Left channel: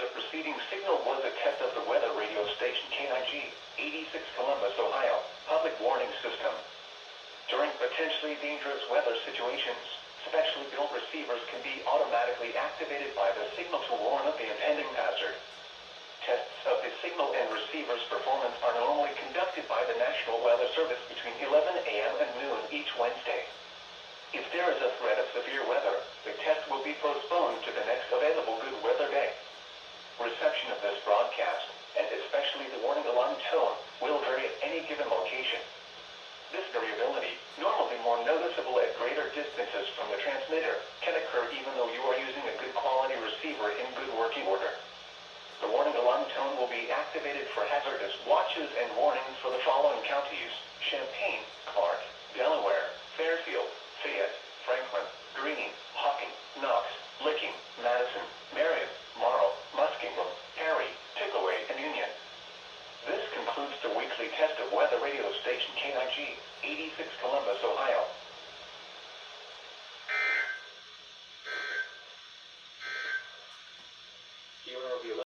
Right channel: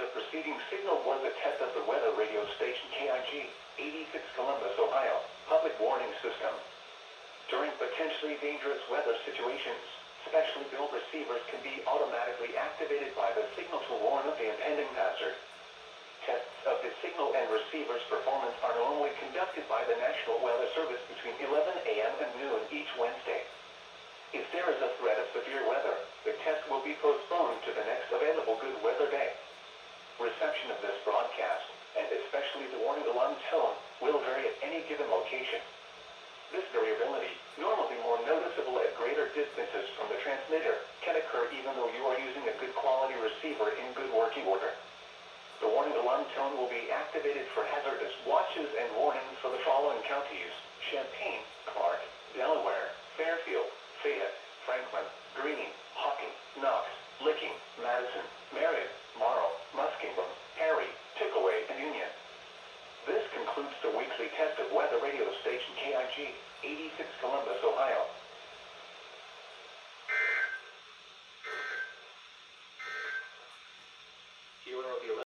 The preceding signal was a test of the weather radio station KIG86 Columbus, Ohio, public warning system. During potentially dangerous weather situations, specially built receivers can be automatically activated by the signal to warn of the impending hazard. Tests of the signal and receiver's performance are normally conducted by the National Weather Service between 11 a.m. and noon each Wednesday. If there is a threat of severe weather, the test will be postponed to the next available good weather day. Reception of this broadcast, and especially the warning alarm tone, will vary at any given location. This variability, normally more noticeable at greater distances from the transmitter, can occur even though you are using a good quality receiver in good working order. The warning alarm tone will be activated for hazardous watches and warnings for the following counties: Champaign, Clark, Delaware, Fairfield, Fayette, Franklin, Greene, Hocking, Knox, Licking, Madison, Marion, Morrow, Muskingum, Perry, Pickaway, and Union. This concludes the weekly test of weather radio station KIG86 Columbus, Ohio.